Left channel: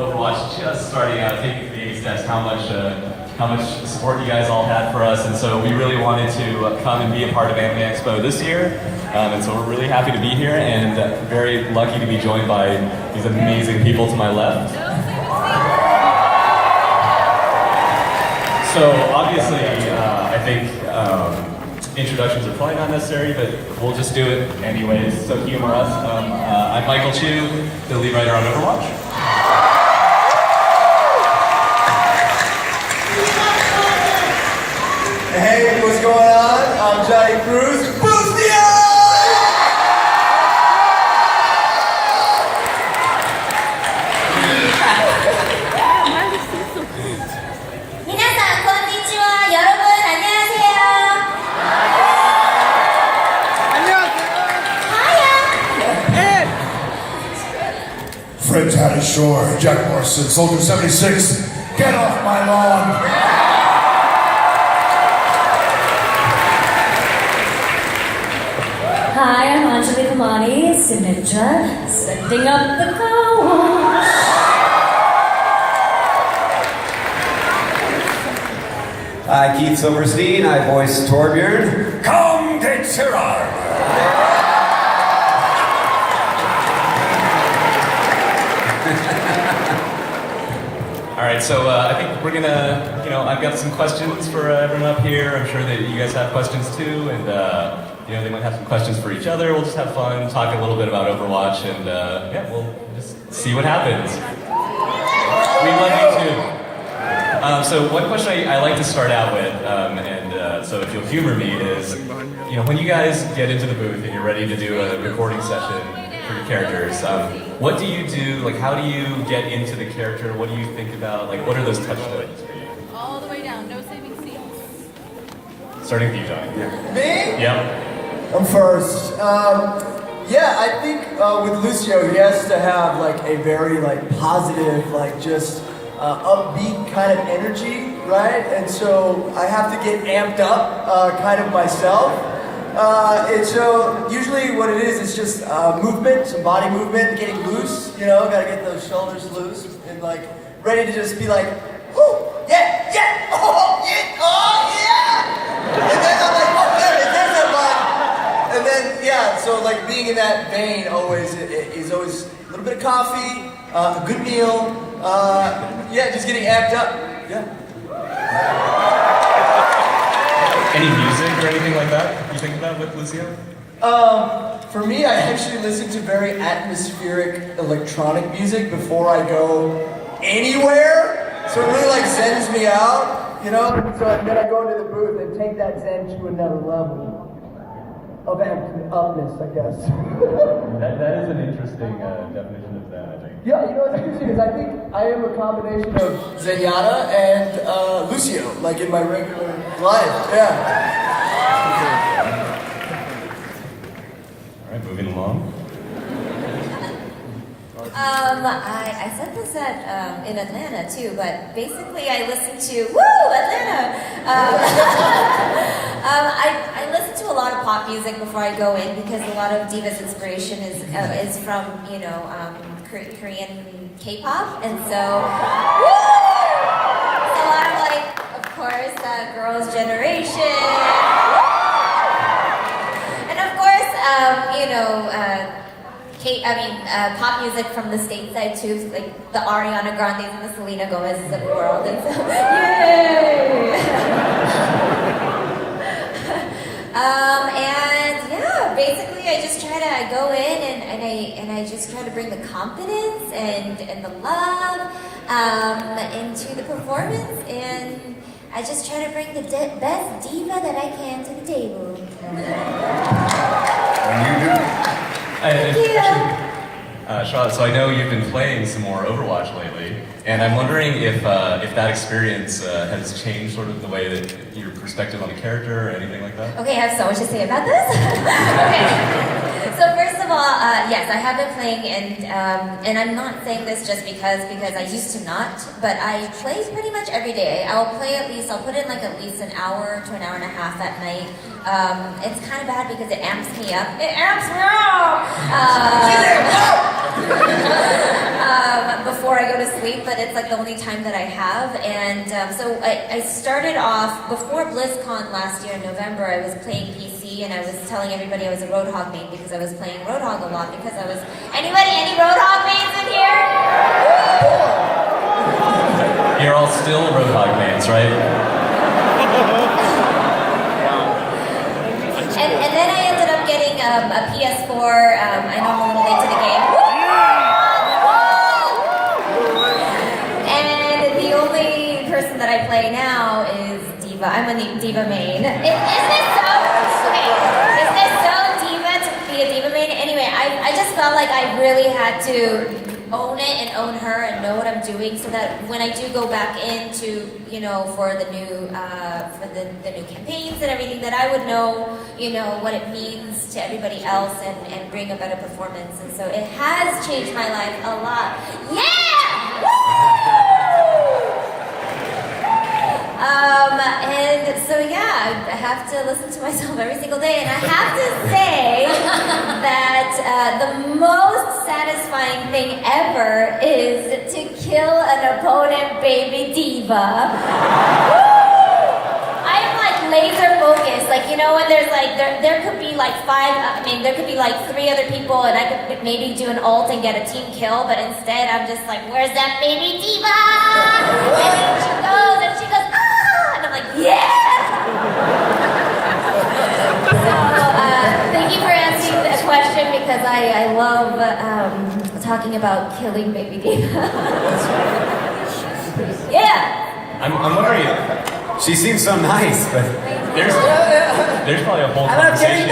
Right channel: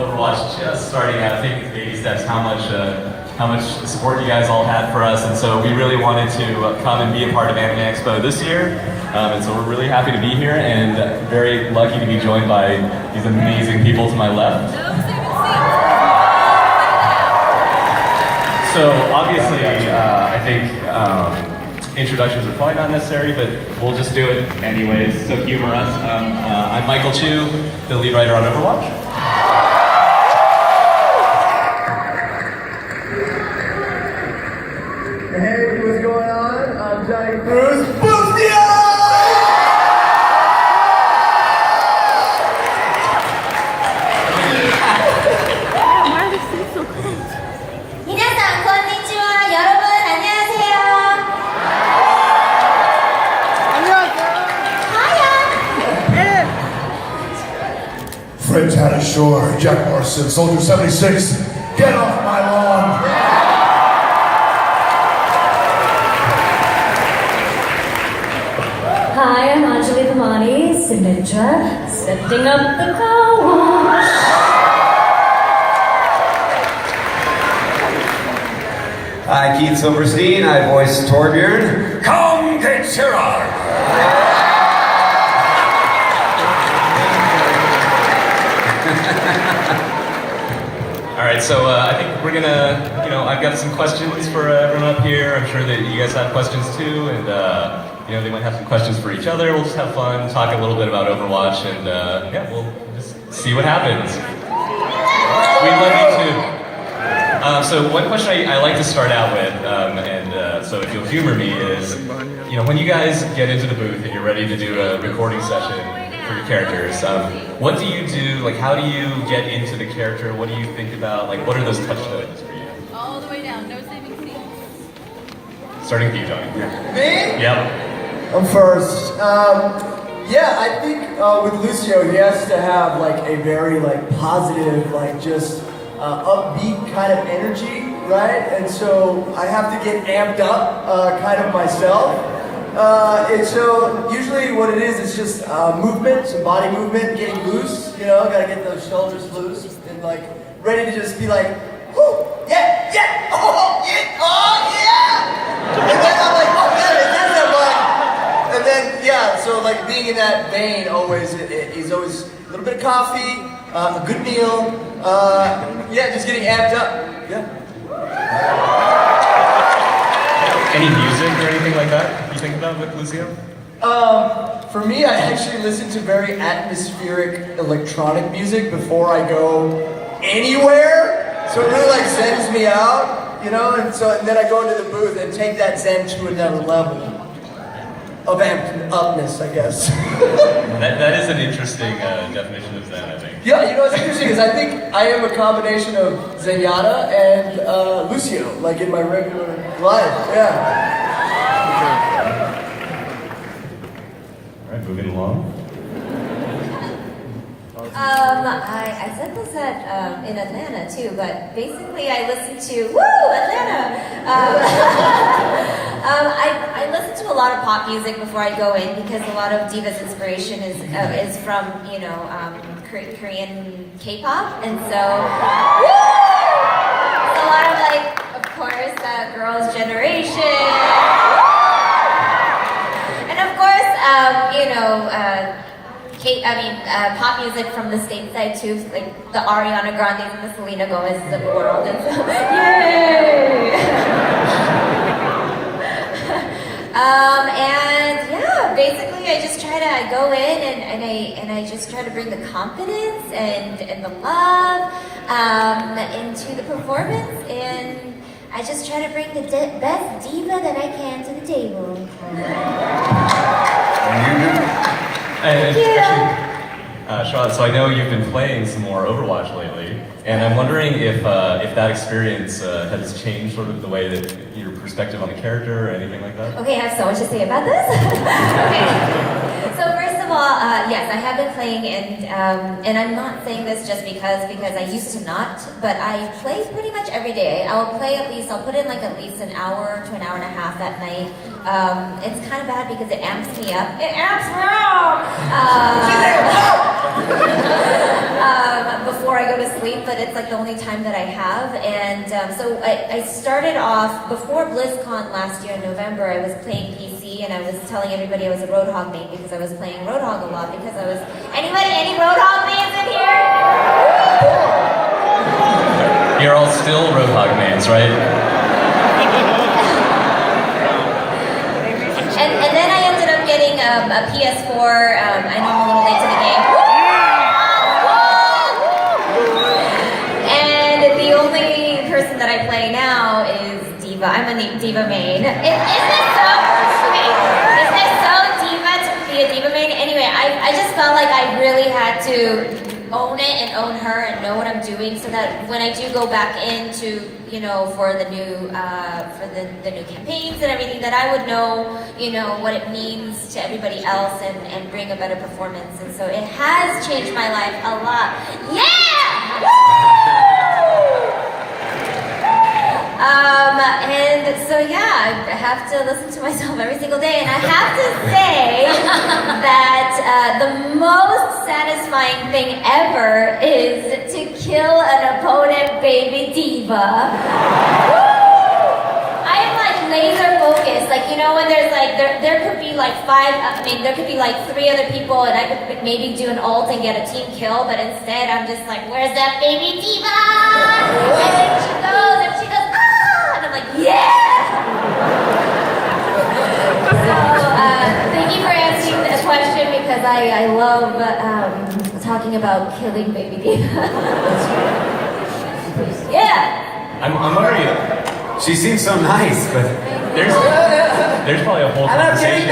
Overwatch just starting out, taking baby steps, how much support you guys all had for us, and so we really wanted to come and be a part of Anime Expo this year, and so we're really happy to be here and very lucky to be joined by these amazing people to my left. So obviously, I think introductions are probably not necessary, but we'll just do it anyways, so humor us. I'm Michael Chu, the lead writer on Overwatch. Hey, what's going on? I'm Johnny Cruz. Boostia! Fred Town Shore, Jack Morrison, Soldier 76, get off my lawn! Hi, I'm Anjali Kumari, signature, setting up the car wash. Hi, Keith Silverstein, I voice Torbjorn. Come get your All right, so I think we're gonna, I've got some questions for everyone up here. I'm sure that you guys have questions too, and they might have some questions for each other. We'll just have fun, talk a little bit about Overwatch, and yeah, we'll just see what happens. We'd love you too. So one question I like to start out with, so if you'll humor me, is, when you guys get into the booth and you're ready to do a recording session for your characters, what do you do? Like, how do you get into the character? What do you think about? Like, what are those touch points for you? All the way down, no saving seats. Starting with you, Johnny. Me? Yep. I'm first. Yeah, I think with Lucio, he has to have like a very positive, just upbeat kind of energy, right? And so I have to get amped up kind of myself. And so usually what it is just movement, some body movement, getting loose, gotta get those shoulders loose and ready to just be like, whoo, yeah, yeah, oh, yeah. And then I'm like, oh, there's a one. And then, yeah, so being in that vein always is always a little bit of coffee, a good meal, yeah, just getting amped up, yeah. Any music or anything like that you think about with Lucio? For me, I actually listen to very atmospheric electronic music before I go anywhere. So it really zens me out, and then I go into the booth and take that zen to another level. of amped upness, I guess. That is an interesting definition of Zen, I think. Yeah, you know what's interesting is I think I am a combination of Zenyatta and Lucio, like in my regular life. Yeah. All right, moving along. I said this in Atlanta too, but basically I listen to Atlanta. I listen to a lot of pop music before I go in because a lot of Diva's inspiration is from Korean K-pop, and so it's a lot of like, of course, Girls' Generation, and of course, pop music from the stateside too, like the Ariana Grandes and the Selena Gomez's of the world, and so, yay! And yeah, basically I go in and I just try to bring the confidence and the love into the performance, and I just try to bring the best diva that I can to the table. And actually, Charlotte, so I know you've been playing some more Overwatch lately, and I'm wondering if that experience has changed sort of the way that your perspective on the character or anything like that? Okay, I have so much to say about this. Okay. So first of all, yes, I have been playing, and I'm not saying this just because I used to not, but I play pretty much every day. I'll put in like at least an hour to an hour and a half at night. It's kind of bad because it amps me up. It amps me up! Before I go to sleep, but it's like the only time that I have. And so I started off, before BlizzCon last year in November, I was playing PC, and I was telling everybody I was a Roadhog main because I was playing Roadhog a lot because I was... Any Roadhog mains in here? You're all still Roadhog mains, right? And then I ended up getting a PS4. I know I'm a little late to the game. And the only person that I play now is Diva. I'm a Diva main. Is this so Diva to be a Diva main? Anyway, I just felt like I really had to own it and own her and know what I'm doing, so that when I do go back into, for the new the new campaigns and everything, that I would know, what it means to everybody else and bring a better performance. And so it has changed my life a lot. Yeah! Woo! And so yeah, I have to listen to myself every single day, and I have to say that the most satisfying thing ever is to kill an opponent baby diva. I am like laser focused, like when there's like there could be like there could be like 3 other people, and I could maybe do an ult and get a team kill, but instead I'm just like, where's that baby diva? And then she goes ah, and I'm like, yeah. Thank you for answering the question, because I love talking about killing baby diva. Yeah. I'm wondering. She seems so nice, but There's probably a whole conversation.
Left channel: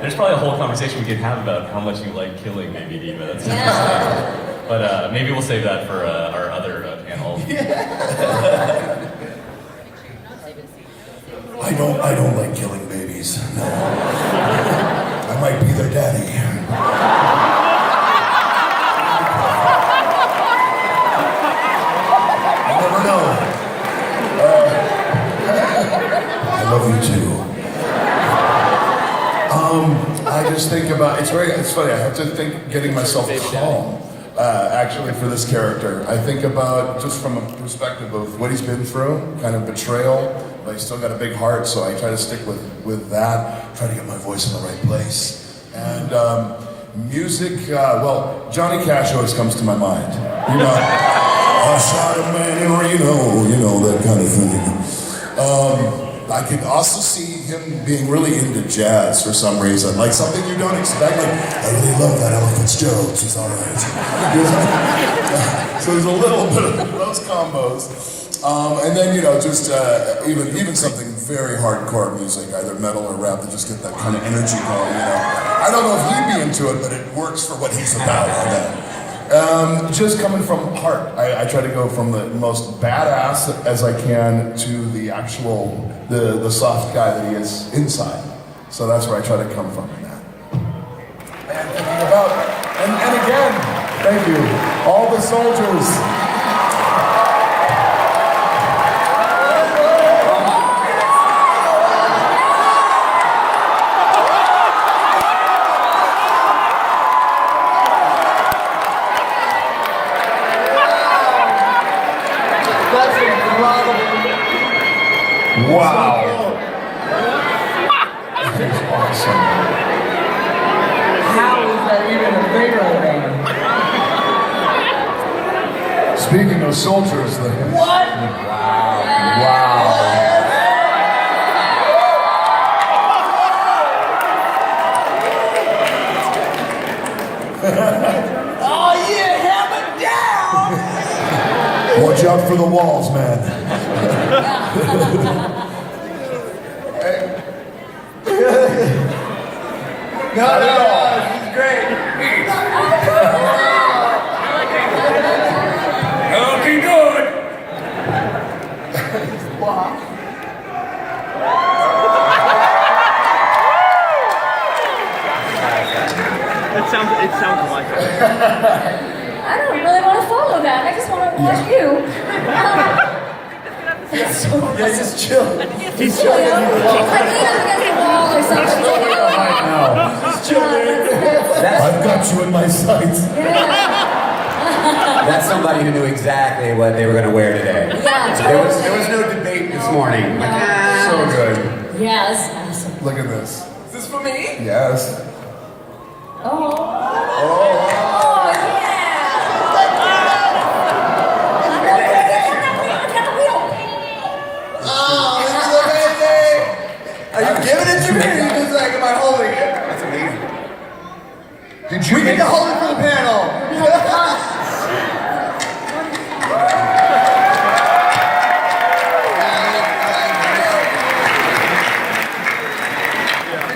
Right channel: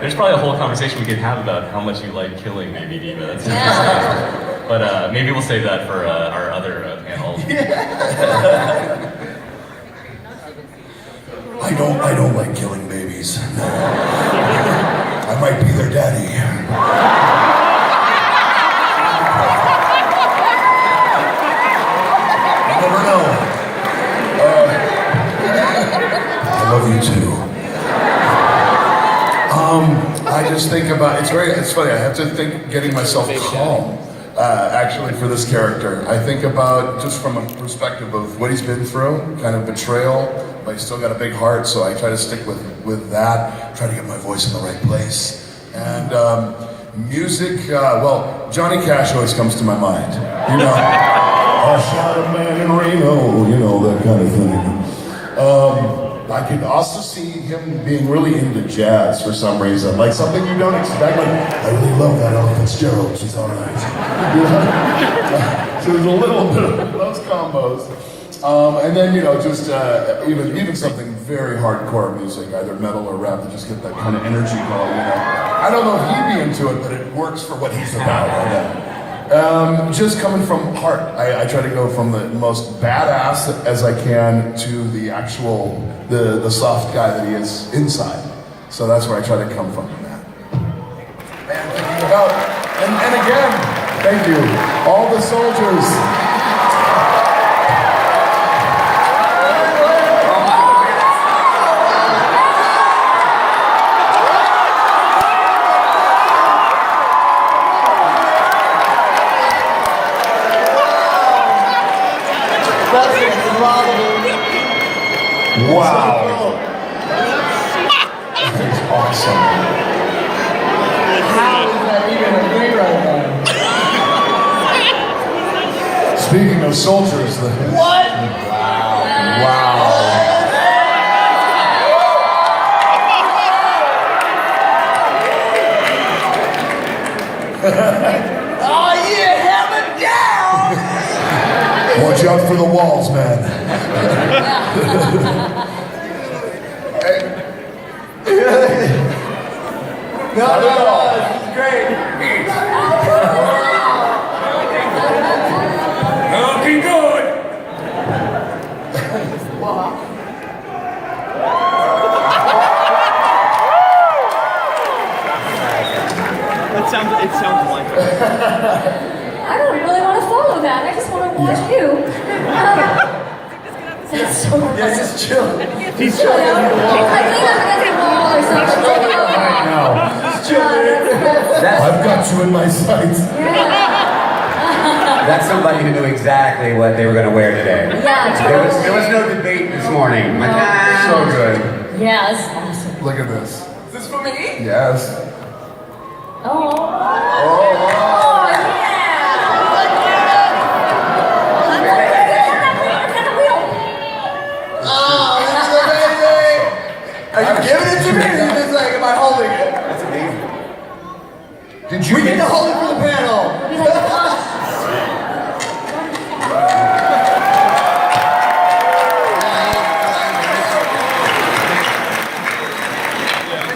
There's probably a whole conversation we could have about how much you like killing baby diva. That's interesting. But maybe we'll save that for our other panel. I don't like killing babies. I might be their daddy. You never know. I love you too. I just think about, it's funny, I have to think getting myself calm, actually, for this character. I think about, just from a perspective of what he's been through, kind of betrayal, but he's still got a big heart, so I try to stick with that, try to get my voice in the right place. And music, Johnny Cash always comes to my mind. I shot a man in Reno, that kind of thing. I could also see him being really into jazz for some reason, like something you don't expect. Like, I really love that Ella Fitzgerald, she's all right. So there's a little bit of those combos. And then, just even something very hardcore music, either metal or rap, to just get that kind of energy going, I don't know if he'd be into it, but it works for what he's about. Just coming from heart. I try to go from the most badass as I can to the actual, the soft guy that he is inside. So that's where I try to come from in that. And thinking about, and again, thank you, all the soldiers. Wow. That is awesome. How is that even a thing right now? Speaking of soldiers, then. What? Wow. Oh yeah, hammer down! Watch out for the walls, man. No, this is great. Looking good. It sounds like it. I don't really want to follow that. I just want to watch you. That's so This is chill. He's Like lean up against the wall or something. I've got you in my sights. That's somebody who knew exactly what they were going to wear today. Yeah, There was no debate this morning. So good. Yeah, that's awesome. Look at this. Is this for me? Yes. Oh. Oh, this is amazing! Are you giving it to me or are you just like, am I holding it? That's amazing. Did you We make need to hold it for the panel.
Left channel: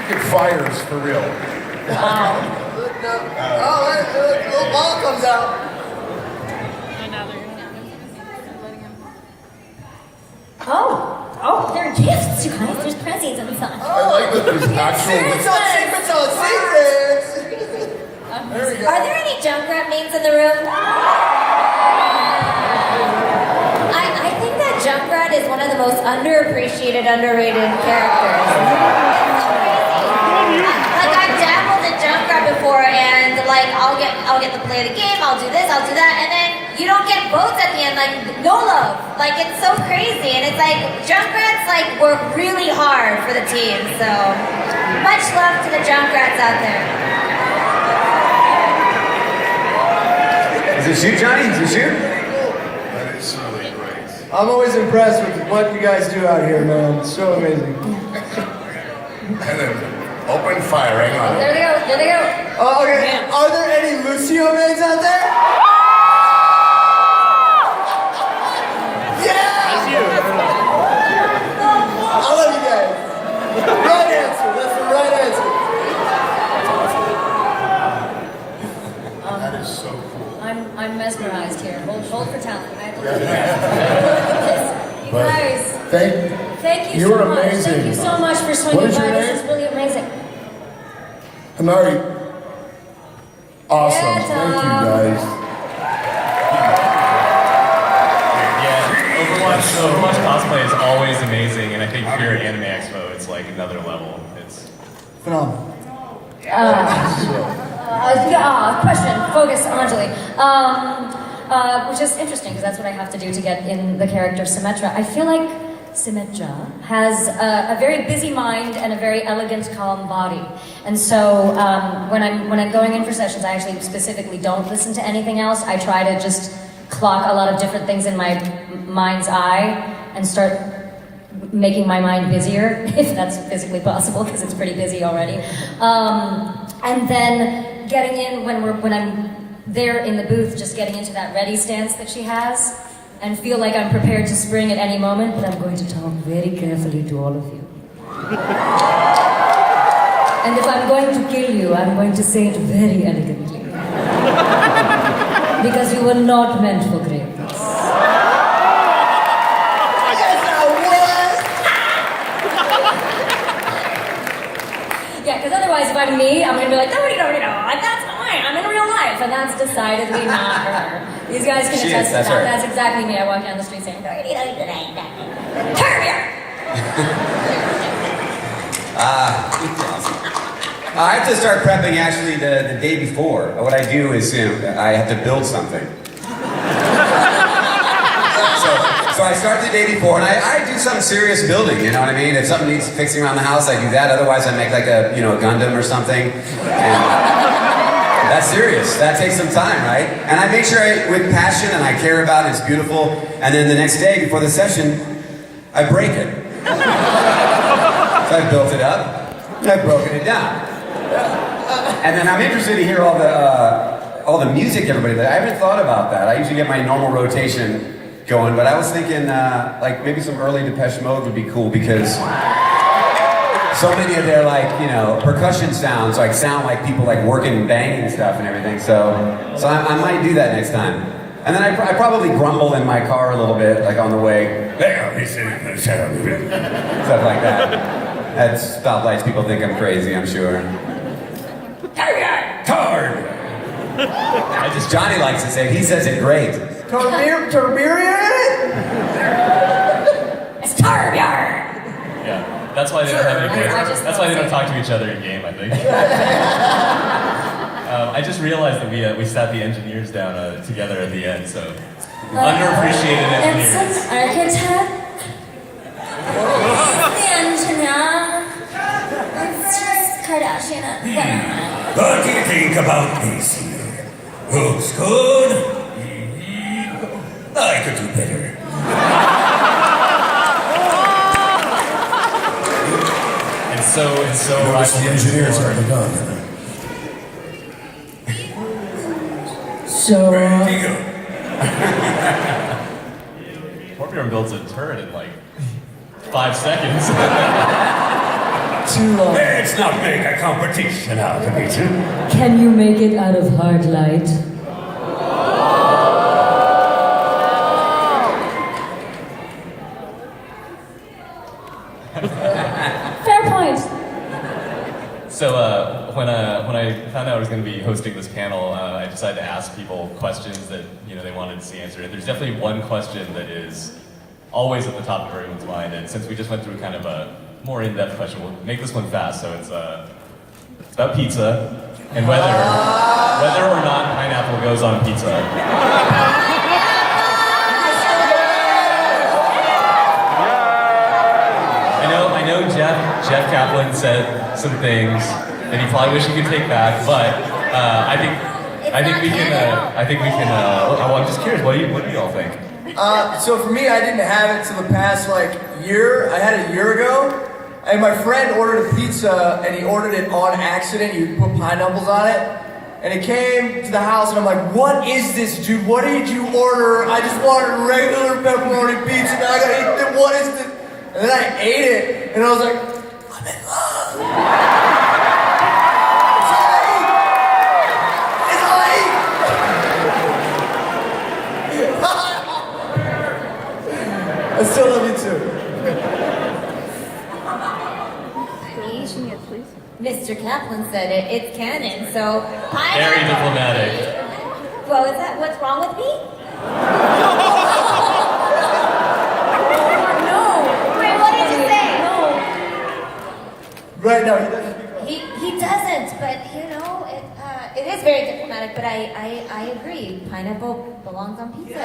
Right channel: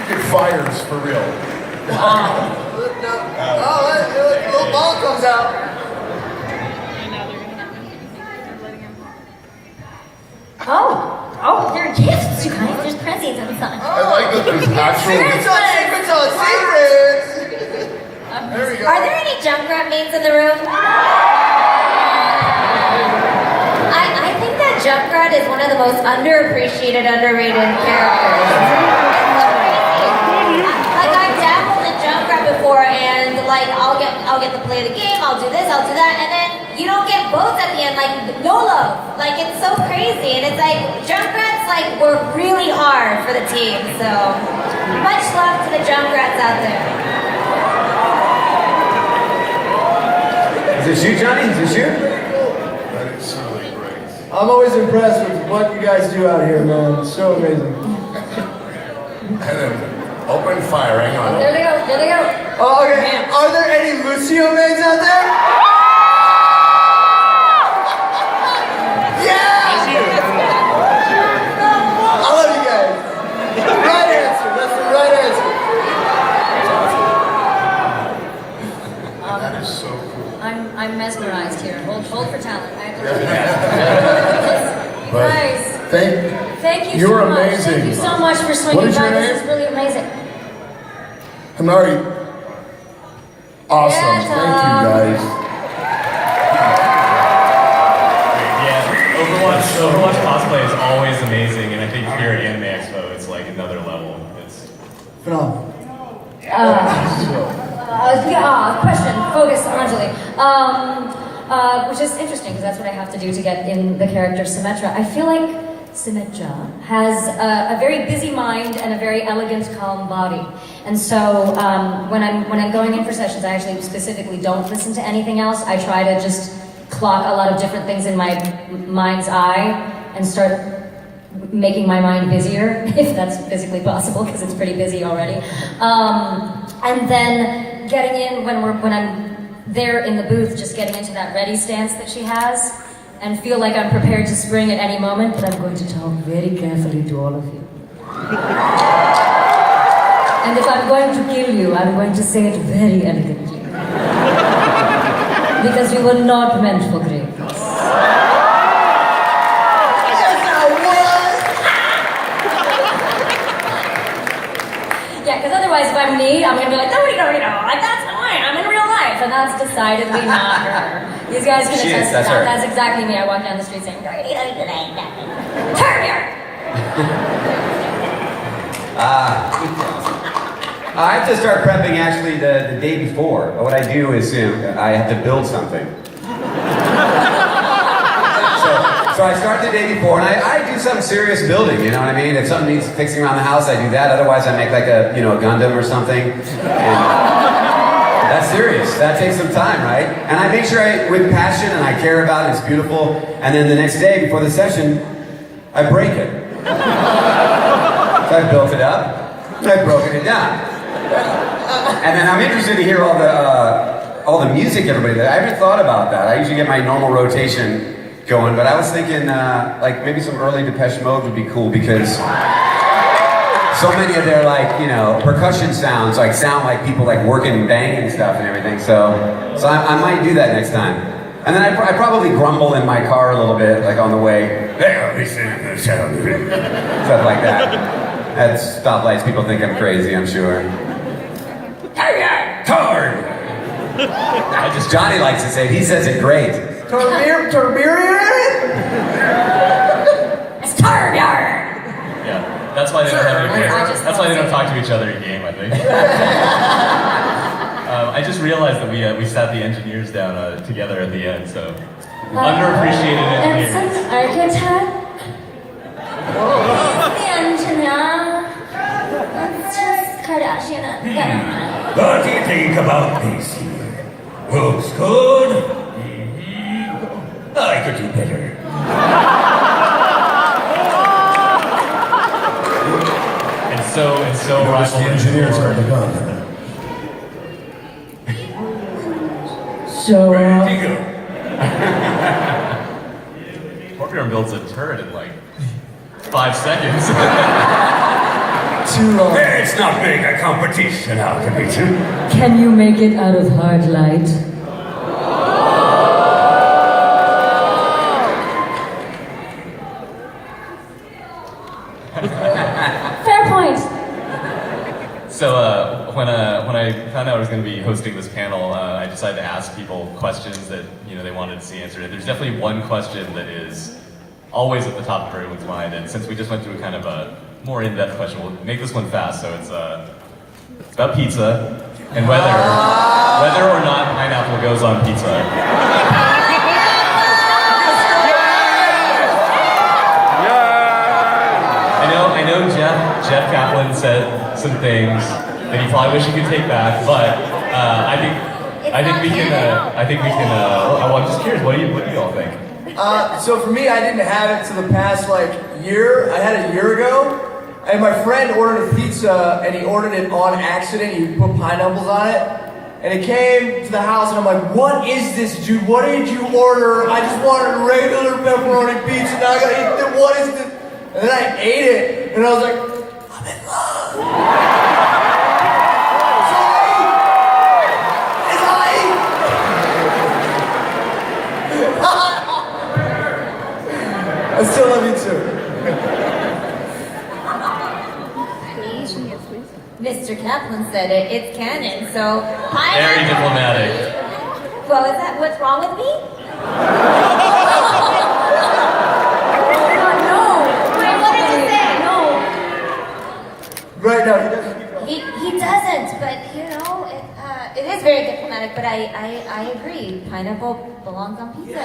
it fires for real? Oh, that little ball comes out. Oh, there are gifts, you guys. There's presents inside. I like that there's Secrets actual. on secrets on secrets! There we go. Are there any Junkrat memes in the room? I think that Junkrat is one of the most underappreciated, underrated characters. Like I've dabbled in Junkrat before, and like I'll get to play the game, I'll do this, I'll do that, and then you don't get votes at the end, like no love. Like it's so crazy, and it's like Junkrats like were really hard for the team. So much love to the Junkrats out there. Is this you, Johnny? Is this you? That is so great. I'm always impressed with what you guys do out here, man. It's so amazing. And then open fire, hang on. There they go. There they go. Oh, okay. Are there any Lucio maids out there? Yeah! I love you guys. Right answer. That's the right answer. That is so cool. I'm mesmerized here. Hold for talent. I have to But Guys, thank you You're so much. amazing. Thank you so much for swinging What is your by. This name? is really amazing. Hanari. Awesome. Yeah, Thank you, Tom. guys. Yeah, Overwatch cosplay is always amazing, and I think here at Anime Expo, it's like another level. It's Phenomenal. Question. Focus, Anjali. Which is interesting because that's what I have to do to get in the character Symmetra. I feel like Symmetra has a very busy mind and a very elegant, calm body. And so when I'm going in for sessions, I actually specifically don't listen to anything else. I try to just clock a lot of different things in my mind's eye and start making my mind busier, if that's physically possible, because it's pretty busy already. And then getting in when I'm there in the booth, just getting into that ready stance that she has, and feel like I'm prepared to spring at any moment, but I'm going to talk very carefully to all of you. And if I'm going to kill you, I'm going to say it very elegantly. Because we were not meant for greatness. Yeah, because otherwise if I'm me, I'm going to be like, like that's fine, I'm in real life. And that's decidedly not her. These guys can attest to that. That's exactly me. I walk down the street saying, turn here! I have to start prepping actually the day before. What I do is I have to build something. So I start the day before, and I do some serious building, you know what I mean? If something needs fixing around the house, I do that. Otherwise, I make like a Gundam or something. And that's serious. That takes some time, right? And I make sure with passion, and I care about it, it's beautiful. And then the next day, before the session, I break it. So I built it up, and I've broken it down. And then I'm interested to hear all the music everybody does. I haven't thought about that. I usually get my normal rotation going, but I was thinking like maybe some early Depeche Mode would be cool because so many of their percussion sounds sound like people working and banging and stuff and everything. So I might do that next time. And then I probably grumble in my car a little bit on the way. Stuff like that. At stoplights, people think I'm crazy, I'm sure. Card! Johnny likes to say it. He says it great. Tiberian? It's Tarbian! Yeah, that's why they don't have any voice. That's why they don't talk to each other in game, I think. I just realized that we sat the engineers down together at the end, so underappreciated engineers. It's an architect. The engineer. It's just Kardashian. What do you think about this? Looks good. I could do better. And so Notice the engineers are gone. So, Where do you go? Torbjorn builds a turret in 5 seconds. too long. It's not being a competition, Alchemist. Can you make it out of hard light? Fair point. So when I found out I was going to be hosting this panel, I decided to ask people questions that they wanted to see answered. There's definitely one question that is always at the top of everyone's mind, and since we just went through kind of a more in-depth question, we'll make this one fast. So it's about pizza and whether or not pineapple goes on pizza. I know Jeff Kaplan said some things that he probably wished he could take back, but I think we can. I'm just curious. What do you all think? So for me, I didn't have it till the past year. I had it a year ago, and my friend ordered a pizza, and he ordered it on accident. He put pineapples on it, and it came to the house, and I'm like, "What is this, dude? What did you order? I just wanted regular pepperoni pizza. Now I gotta eat it. What is this?" And then I ate it, and I was like, "I'm in love." It's all I eat. I still love you too. Mr. Kaplan said it. It's canon. So Very diplomatic. Well, is that what's wrong with me? No. Wait, what did you say? No. Right now, he doesn't speak up. He doesn't. But it is very diplomatic. But I agree. Pineapple belongs on pizza.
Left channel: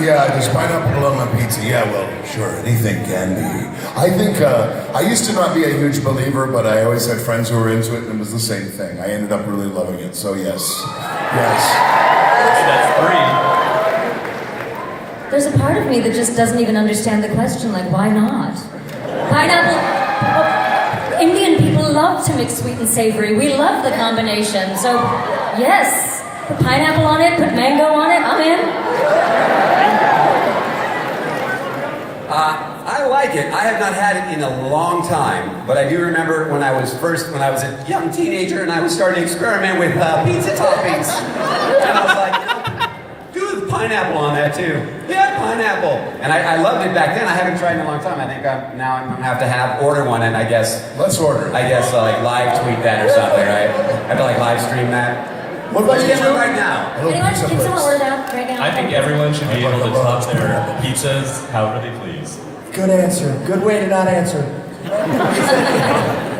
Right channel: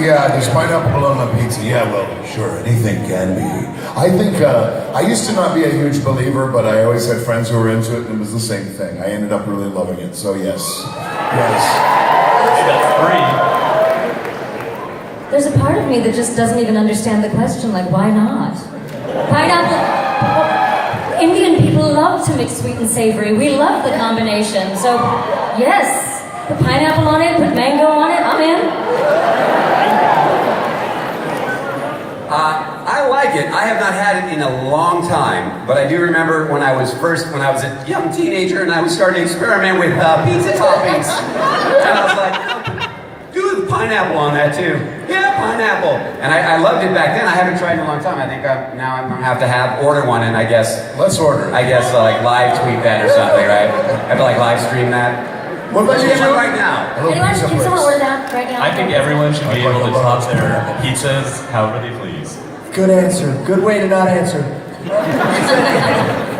Yeah, does pineapple belong on pizza? Yeah, well, sure, anything can be. I think, I used to not be a huge believer, but I always had friends who were into it, and it was the same thing. I ended up really loving it, so yes. Yes. That's 3. There's a part of me that just doesn't even understand the question, why not? Pineapple, Indian people love love to mix sweet and savory. We love the combination. So, yes, put pineapple on it, put mango on it, I'm in. I like it. I have not had it in a long time, but I do remember when I was a young teenager and I was starting to experiment with pizza toppings. And I was like, do the pineapple on that too. Yeah, pineapple. And I loved it back then. I haven't tried it in a long time. I think now I'm gonna have to order one, and I guess Let's order. like live tweet that or something, right? I have to like live stream that. What about you, Drew? Right now. Hello, Anyone, pizza can someone place. order that right now? I think everyone should be able to top their pizzas however they please. Good answer. Good way to not answer.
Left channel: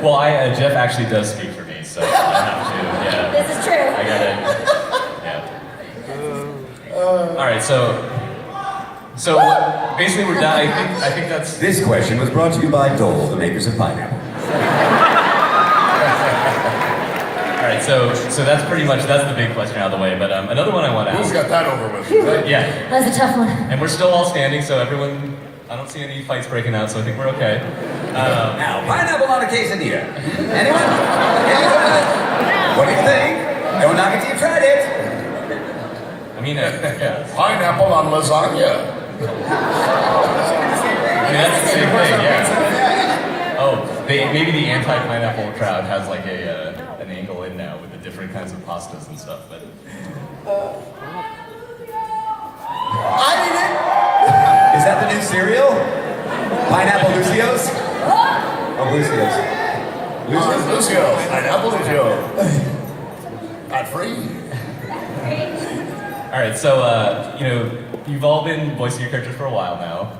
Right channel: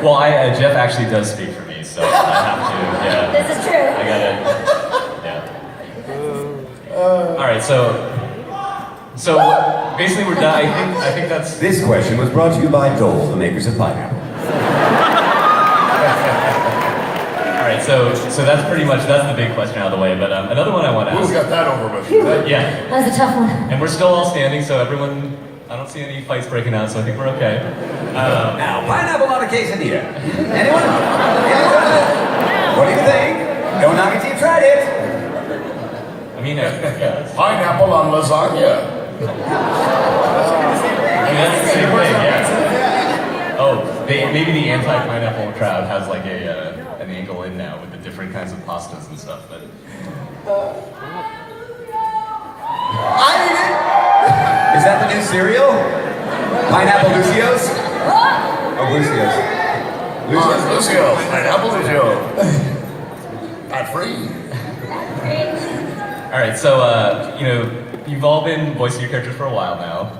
Well, Jeff actually does speak for me, so I have to. Yeah. This is true. I got it. Yeah. All right, so basically we're done. I think that's. This question was brought to you by Dole, the makers of pineapple. All right, so that's pretty much the big question out of the way. But another one I want to Who's ask. got that over with? Yeah, That was a tough one. and we're still all standing, so everyone. I don't see any fights breaking out, so I think we're okay. Now, pineapple on a quesadilla. Anyone? What do you think? Don't knock it till you tried it. I mean, yeah. Pineapple on lasagna. I mean, that's the same thing, yeah. Oh, maybe the anti-pineapple crowd has like an angle in now with the different kinds of pastas and stuff, but. Is that the new cereal? Pineapple Lucios? Oh, Lucios. Lucio. Pineapple Lucio. Not free. All right, so you've all been voicing your characters for a while now,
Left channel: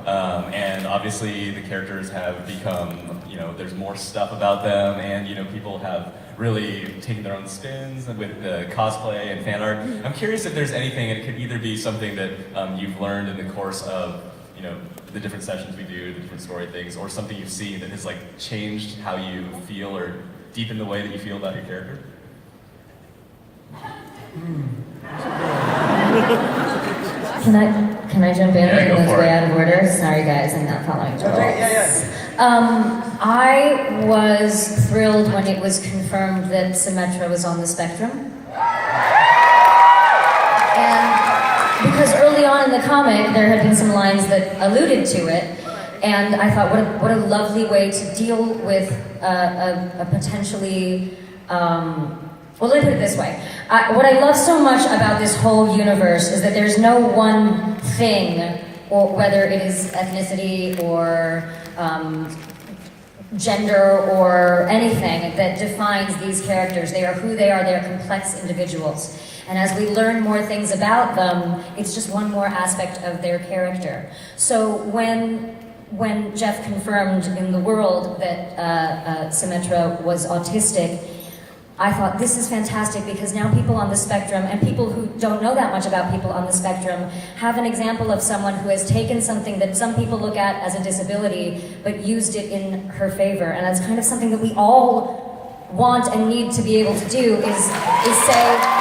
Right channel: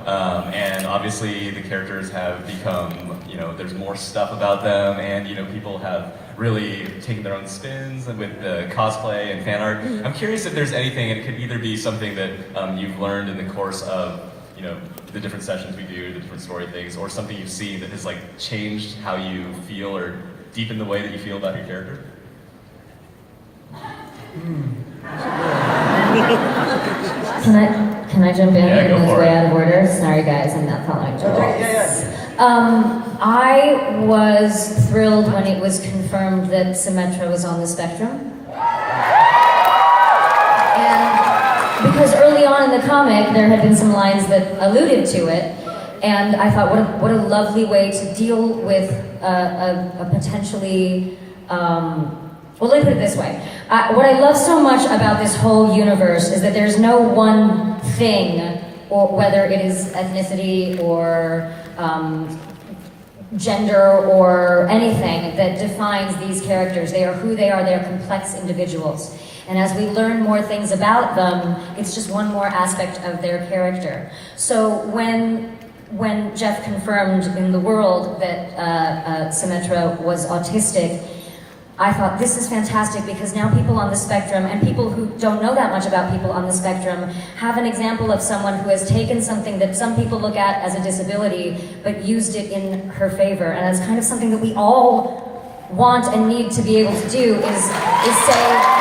and obviously the characters have become, there's more stuff about them, and people have really taken their own spins with the cosplay and fan art. I'm curious if there's anything. It could either be something that you've learned in the course of the different sessions we do, the different story things, or something you've seen that has like changed how you feel or deepened the way that you feel about your character. Can I jump in? Yeah, go It's for way it. out of order. Sorry guys, I'm not following. Okay, yeah. I was thrilled when it was confirmed that Symmetra was on the spectrum. And because early on in the comic, there had been some lines that alluded to it, and I thought, what a lovely way to deal with a potentially, well, let me put it this way. What I love so much about this whole universe is that there's no one thing, or whether it is ethnicity or gender or anything, that defines these characters. They are who they are. They are complex individuals. And as we learn more things about them, it's just one more aspect of their character. So when Jeff confirmed in the world that Symmetra was autistic, I thought, this is fantastic, because now people on the spectrum, and people who don't know that much about people on the spectrum, have an example of someone who has taken something that some people look at as a disability, but used it in her favor. And it's kind of something that we all want and need to be able to do, is say,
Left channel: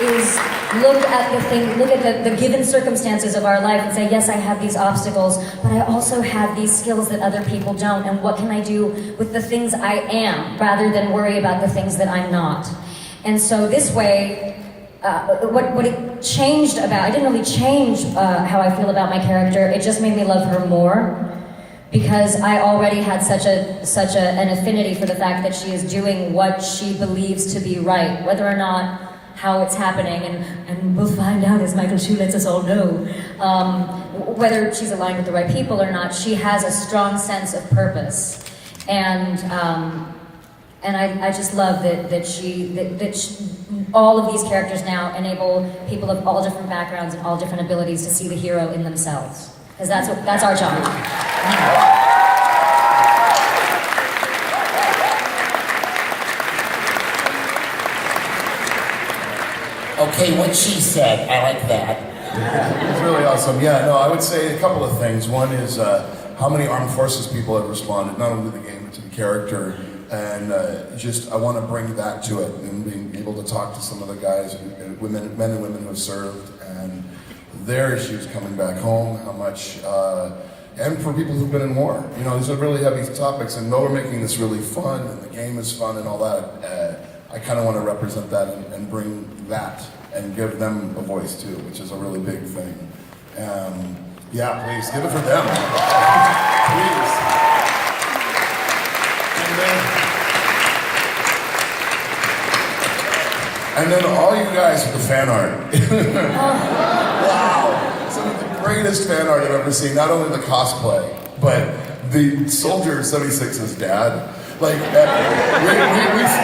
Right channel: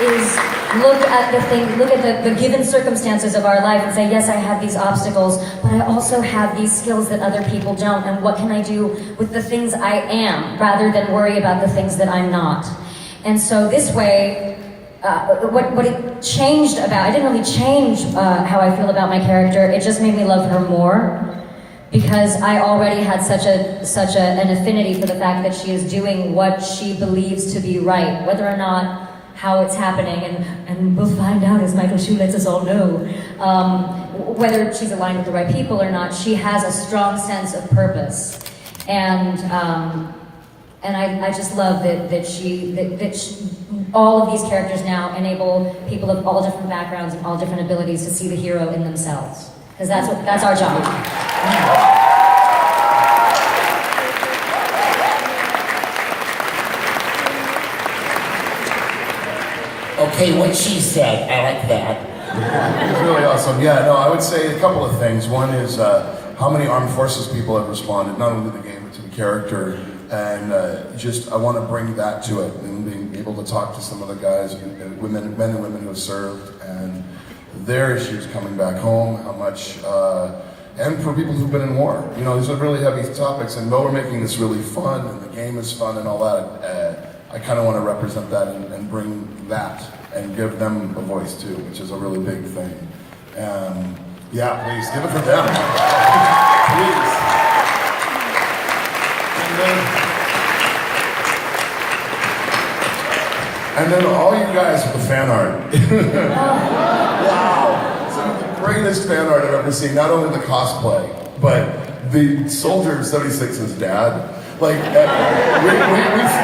is look at the given circumstances of our life and say, yes, I have these obstacles, but I also have these skills that other people don't, and what can I do with the things I am, rather than worry about the things that I'm not. And so this way, what it changed about, I didn't really change how I feel about my character, it just made me love her more, because I already had such an affinity for the fact that she is doing what she believes to be right, whether or not how it's happening, and we'll find out, as Michael Shu lets us all know, whether she's aligned with the right people or not. She has a strong sense of purpose, and I just love that all of these characters now enable people of all different backgrounds and all different abilities to see the hero in themselves, because that's our job. Okay, what she said, I like that. It's really awesome. Yeah, no, I would say a couple of things. One is how many armed forces people have responded, not only to the game, but to the character. And I want to bring that to it, and being able to talk to some of the guys, men and women who have served, and their issues coming back home, how much, and for people who've been in war. You know, these are really heavy topics, and though we're making this really fun, and the game is fun and all that, I kind of want to represent that and bring that and give them a voice too, which is a really big thing. Yeah, please, give it for them. Please. And then all you guys with the fan art. Wow. Some of the greatest fan art I've ever seen. Not only the cosplay, but the Soldier 76's dad. Like, we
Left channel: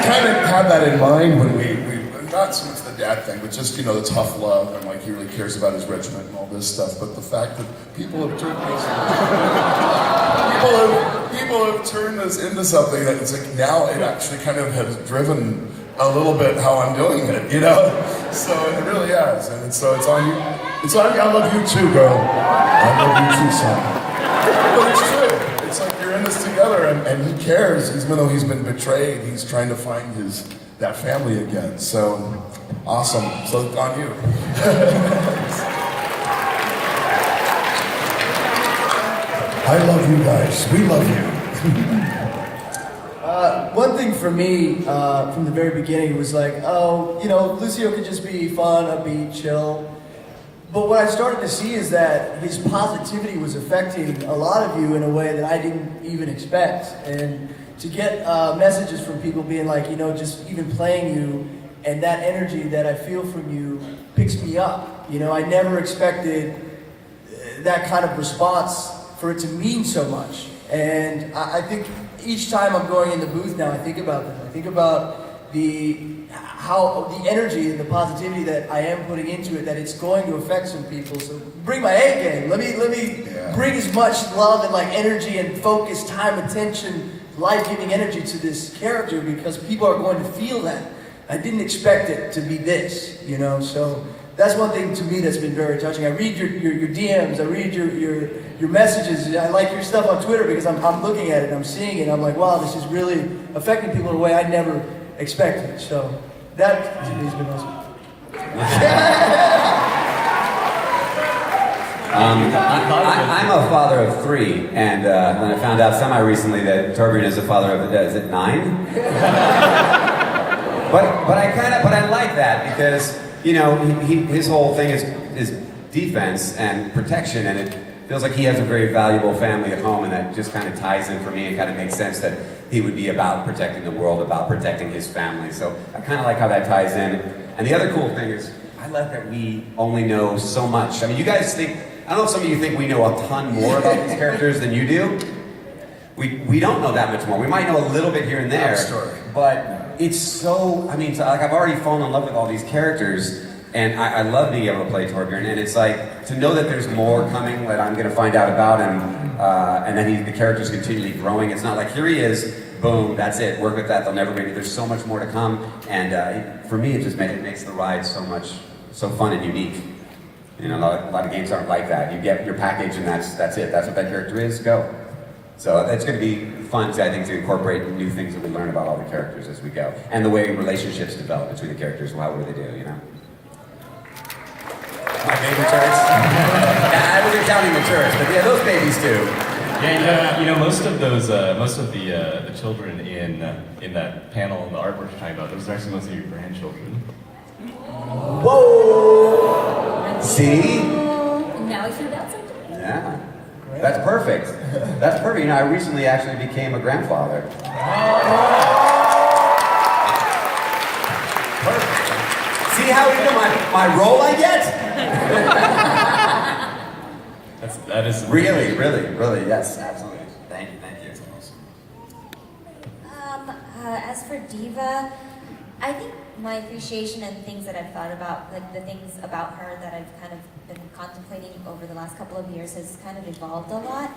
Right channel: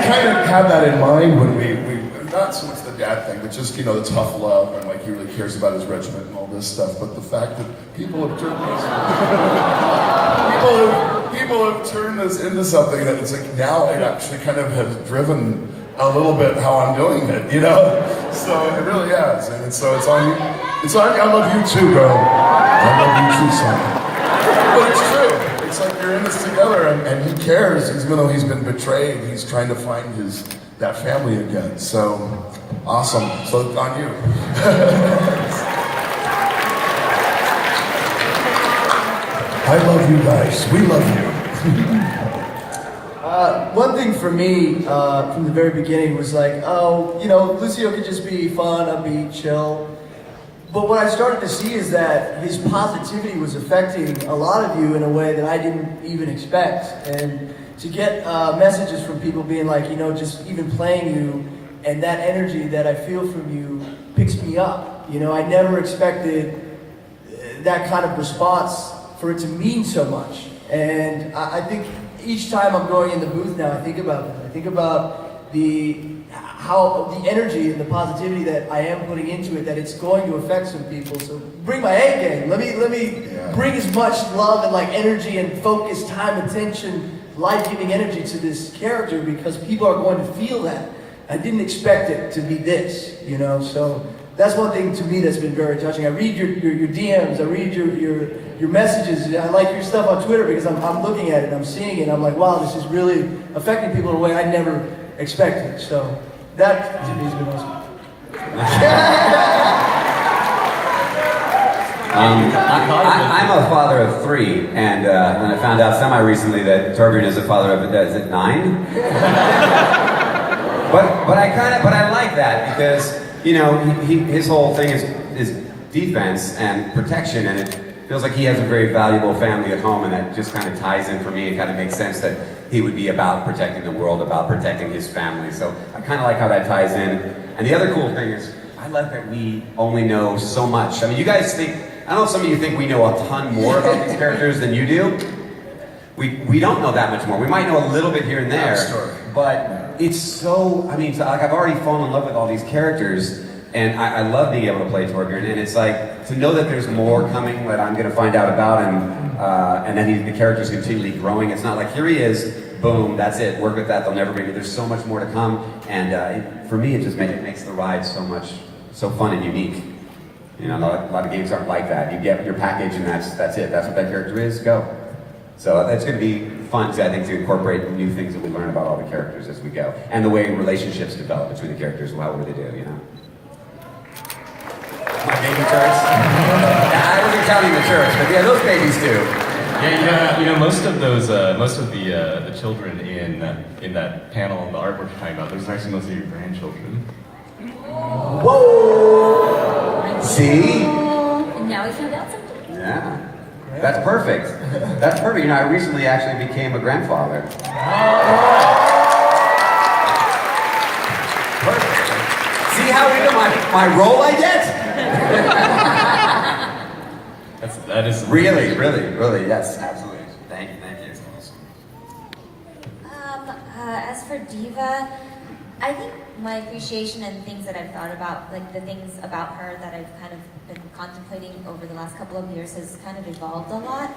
kind of had that in mind when we not so much the dad thing, but just, you know, the tough love and like he really cares about his regiment and all this stuff. But the fact that people have turned this, people have turned this into something that it's like now it actually kind of has driven a little bit how I'm doing it, you know? So it really has, and so it's on you. It's like I love you too, girl. I love you too, son. But it's true. It's like you're in this together, and he cares, even though he's been betrayed. He's trying to find that family again. So awesome. So it's on you. I love you guys. We love you. One thing for me from the very beginning was like, oh, you know, Lucio could just be fun, upbeat, chill. But what I started to see is that his positivity was affecting a lot of you in a way that I didn't even expect. And to get messages from people being like, you know, just even playing you and that energy that I feel from you picks me up. You know, I never expected that kind of response for it to mean so much. And I think each time I'm going in the booth now, I think about that. I think about the energy and the positivity that I am putting into it, that it's going to affect some people. So bring my A game. Let me bring as much love and like energy and focus, time, attention, life-giving energy to this character because people are going to feel that. I didn't expect it to be this, you know. So that's one thing to me that's been very touching. I read your DMs, I read your messages. I like your stuff on Twitter because I'm looking at it and I'm seeing it. And I'm like, wow, this is really affecting people in a way I never expected. So that to me has been awesome. I'm a father of 3, and when I found out semi-recently that Torbjorn is a father of, is it 9? but I like that because, you know, his whole thing is defense and protection, and it feels like he has a very valuable family at home, and that just kind of ties in for me and kind of makes sense that he would be about protecting the world, about protecting his family. So I kind of like how that ties in. And the other cool thing is, I like that we only know so much. I mean, you guys think, I don't know if some of you think we know a ton more about these characters than you do. We don't know that much more. We might know a little bit here and there, but it's so, I mean, like I've already fallen in love with all these characters, and I love being able to play Torbjorn, and it's like, to know that there's more coming that I'm going to find out about, and then the character's continually growing. It's not like, here he is, boom, that's it, work with that, they'll never be, there's so much more to come, and for me, it makes the ride so fun and unique. You know, a lot of games aren't like that. You get your package and that's it, that's what that character is, go. So it's going to be fun, I think, to incorporate new things that we learn about all the characters as we go, and the way relationships develop between the characters and how they do, you know. My baby turrets? I wasn't counting the turrets, but yeah, those babies too. Yeah, you know, most of the children in that panel and the artwork you're talking about, those are actually mostly your grandchildren. Whoa! See? And now we found out something. Yeah. That's perfect. That's perfect. You know, I recently actually became a grandfather. Perfect. See how you know my role I get? That is really, yes, absolutely. Thank you. It's awesome. As for Diva, I think my appreciation and things that I've thought about, like the things about her that I've kind of been contemplating over the last couple of years has kind of evolved a lot.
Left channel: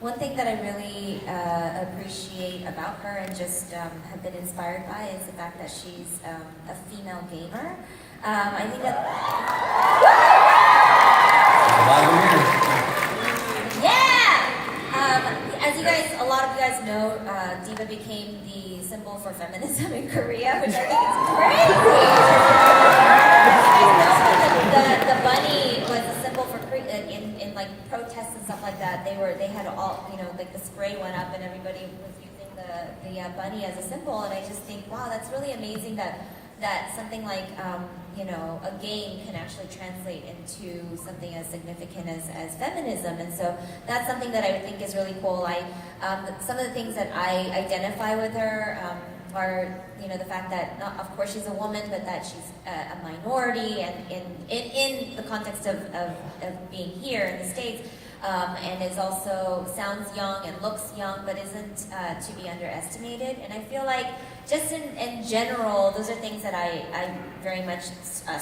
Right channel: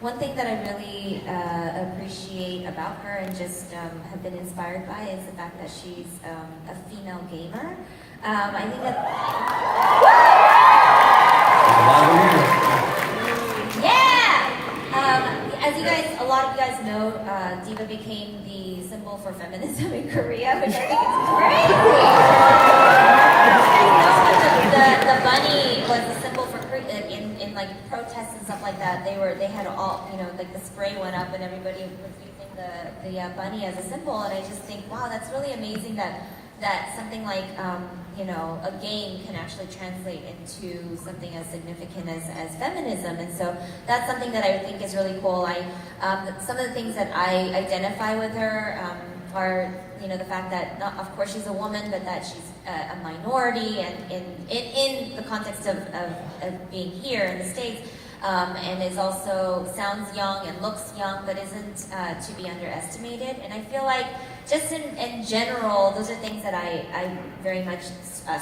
One thing that I really appreciate about her and just have been inspired by is the fact that she's a female gamer. I think that... As a lot of you guys know, Diva became the symbol for feminism in Korea, which I think is crazy. The bunny was protests and stuff like that, they had all, like the spray went up and everybody was using the bunny as a symbol, and I just think, wow, that's really amazing that something like, a game can actually translate into something as significant as feminism. And so that's something that I think is really cool. Some of the things that I identify with her are, the fact that, of course, she's a woman, but that she's a minority, and in the context of being here in the States, and is also sounds young and looks young, but isn't to be underestimated. And I feel like just in general, those are things that I very much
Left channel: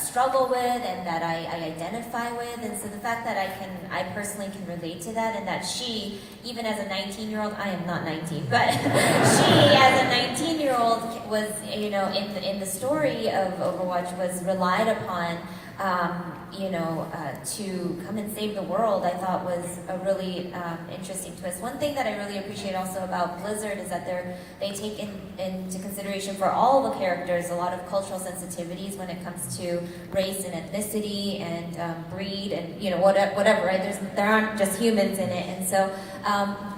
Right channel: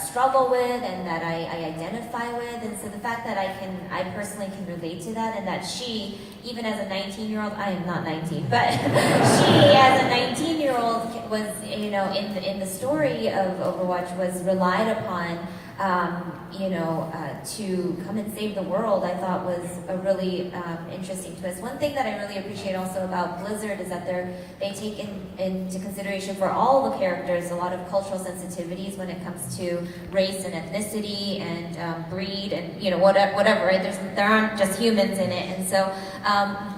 struggle with and that I identify with. And so the fact that I personally can relate to that, and that she, even as a 19-year-old, I am not 19, but she as a 19-year-old was, in the story of Overwatch, was relied upon, to come and save the world, I thought was a really interesting twist. One thing that I really appreciate also about Blizzard is that they take into consideration for all the characters a lot of cultural sensitivities when it comes to race and ethnicity and breed and whatever, right? There aren't just humans in it, and so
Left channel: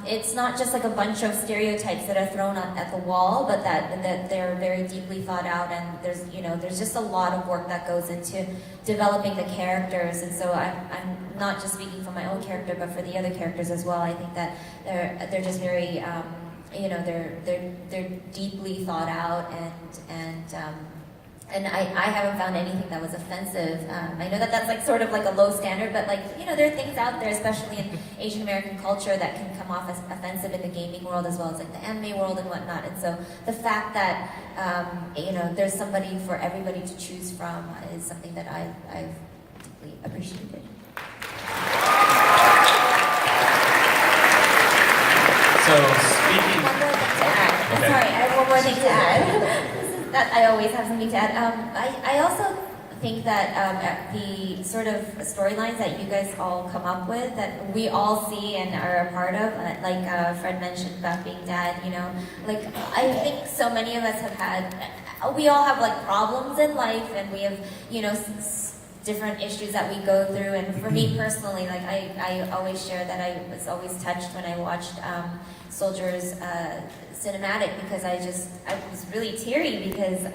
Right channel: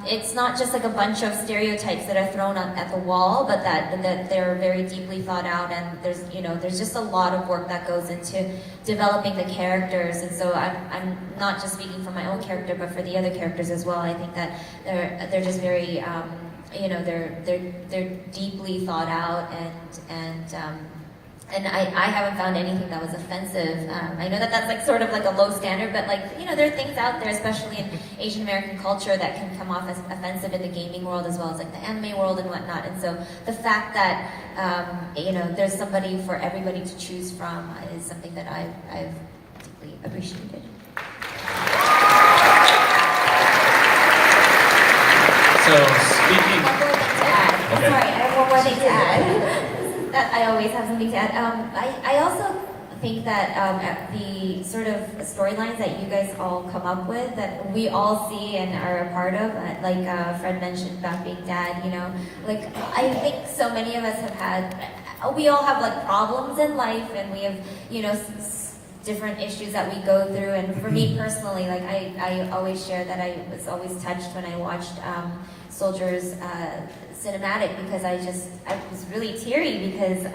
it's not just like a bunch of stereotypes that are thrown at the wall, but that they're very deeply thought out, and there's just a lot of work that goes into developing the characters. And so I'm not just speaking for my own character, but for the other characters as well. I think that they're just very they're deeply thought out, and I haven't found anything that was offensive. I know that that's like sort of like a low standard, but there are things out there, especially in Asian American culture, that can come off as offensive in the gaming world as well as like the anime world and whatnot. And so the fact that there's somebody for everybody to choose from is something that I've deeply appreciated. So speaking. Okay. Sorry, I have one more thing to add. That I always have something to add. I also think that the sort of storylines that you guys all come up with, that we all see and are a part of, like Fred mentioned about being dad, I think so many of us have we all have like problems in life, and we have, different issues that we go through. And for me personally, like I always share that I was always touched when I watched Soldier's cinematic, because I was really teary, because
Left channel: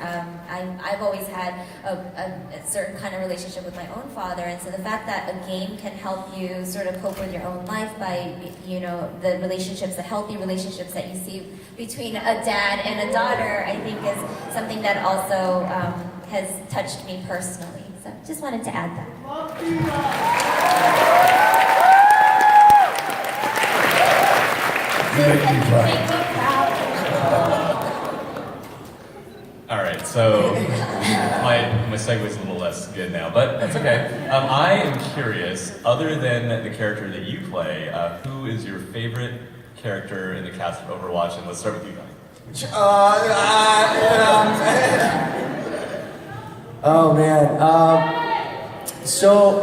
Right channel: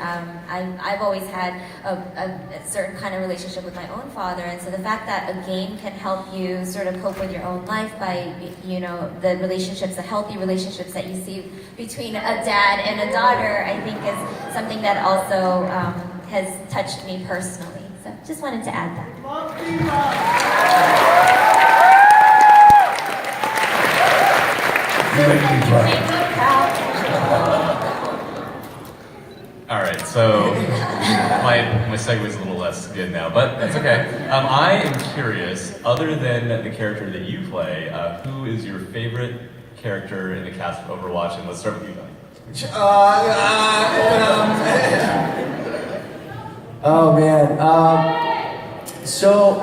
I've always had a certain kind of relationship with my own father. And so the fact that a game can help you sort of cope with your own life by, the relationships, the healthy relationships that you see between a dad and a daughter, I think is something that also has touched me personally. So just wanted to add that. You make me cry. All right, so my segue's a little less good now, but that's okay. I am curious, other than the character that you play, who is your favorite character in the cast of Overwatch? And let's start with you, Donnie. Oh man. So